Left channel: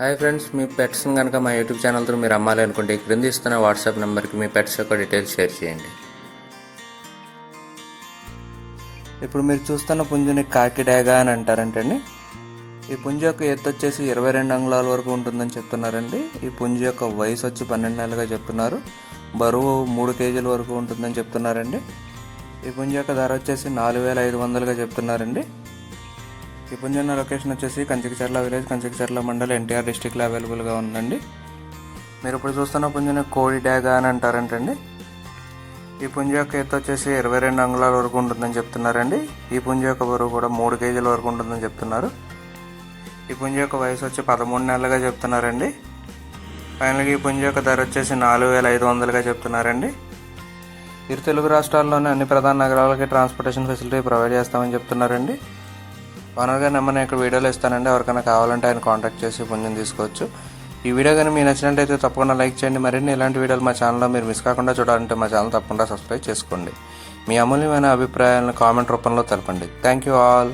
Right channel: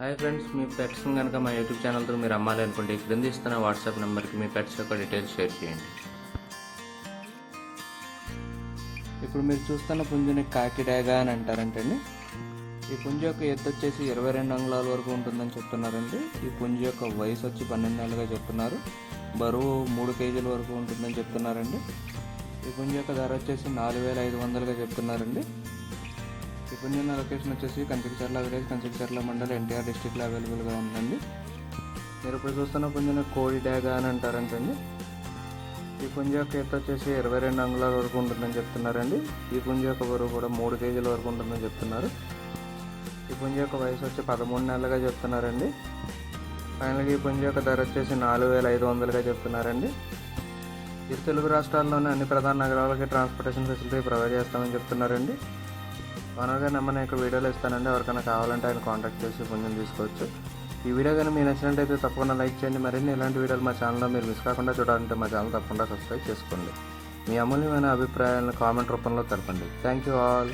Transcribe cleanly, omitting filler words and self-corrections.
Hi friends, మీ పెట్స్ని కనుక మా YouTube ఛానల్తో మీరు అమ్మాలి అనుకుంటే క్రింద ఇస్తున్న వాట్సాప్ నెంబర్కి మీ పెట్స్ యొక్క డీటెయిల్స్ షేర్ చేయండి. ఇప్పుడు మీరు చూస్తున్న పుంజుని కాకి డాగా అని అంటారంటండి. ఈ పుంజు యొక్క ఎత్తు వచ్చేసి 22 అంగుళాల వరకు ఉంటుందని చెప్తున్నారండి. ఈ పుంజు యొక్క వయసు వచ్చి 12 నెలలుగా చెప్తున్నారు. బరువు 3 కేజీల వరకు ఉంటుందని చెప్తున్నారండి. ఈ పుంజు యొక్క ధర వచ్చేసి 4500గా చెప్తున్నారండి. ఈ పుంజు ఉన్న లొకేషన్ వచ్చేసి కంచికచర్ల విలేజ్, కంచికచర్ల మండల్, ఎన్టీఆర్ డిస్టిక్లో అవైలబుల్గా ఉందండి. మీరు ఇప్పుడు చూస్తున్న పుంజుని కోడి డాగా అని అంటారంటండి. ఈ పుంజు యొక్క ఎత్తు వచ్చేసి 22 అంగుళాల వరకు ఉంటుందని చెప్తున్నారండి. ఈ పుంజు యొక్క బరువు కూడా 3 కేజీల వరకు ఉంటుందని చెప్తున్నారు. ఈ పుంజు యొక్క వయసు వచ్చి 13 నెలలుగా చెప్తున్నారండి. ఫైనల్గా ఈ పుంజు యొక్క ధర వచ్చేసి 4500గా చెప్తున్నారండి. ఇరు తెలుగు రాష్ట్రాల్లోని అన్ని ప్రధాన నగరాలకి ట్రాన్స్పోర్టేషన్ ఫెసిలిటీ ప్రొవైడ్ చేస్తామని చెప్తున్నారండి. ఓనర్గా నెంబర్ నేను ఇక్కడ వీడియోలో ఇస్తానండి. ఎవరికైనా కావాలంటే ఆయన కాంటాక్ట్ చేసి పుంజుని తీసుకోవచ్చు. ఈ వీడియో కానీ మీకు నచ్చినట్టయితే తప్పకుండా లైక్ చేయండి. మరిన్ని ఇలాంటి వీడియోలు మా ఛానల్లో మీరు మిస్ కాకుండా చూడాలంటే మా ఛానల్ తప్పకుండా సబ్స్క్రైబ్ చేసుకోండి. మీ అమూల్యమైన అభిప్రాయాలను కామెంట్ రూపంలో తెలపండి. Thank you all.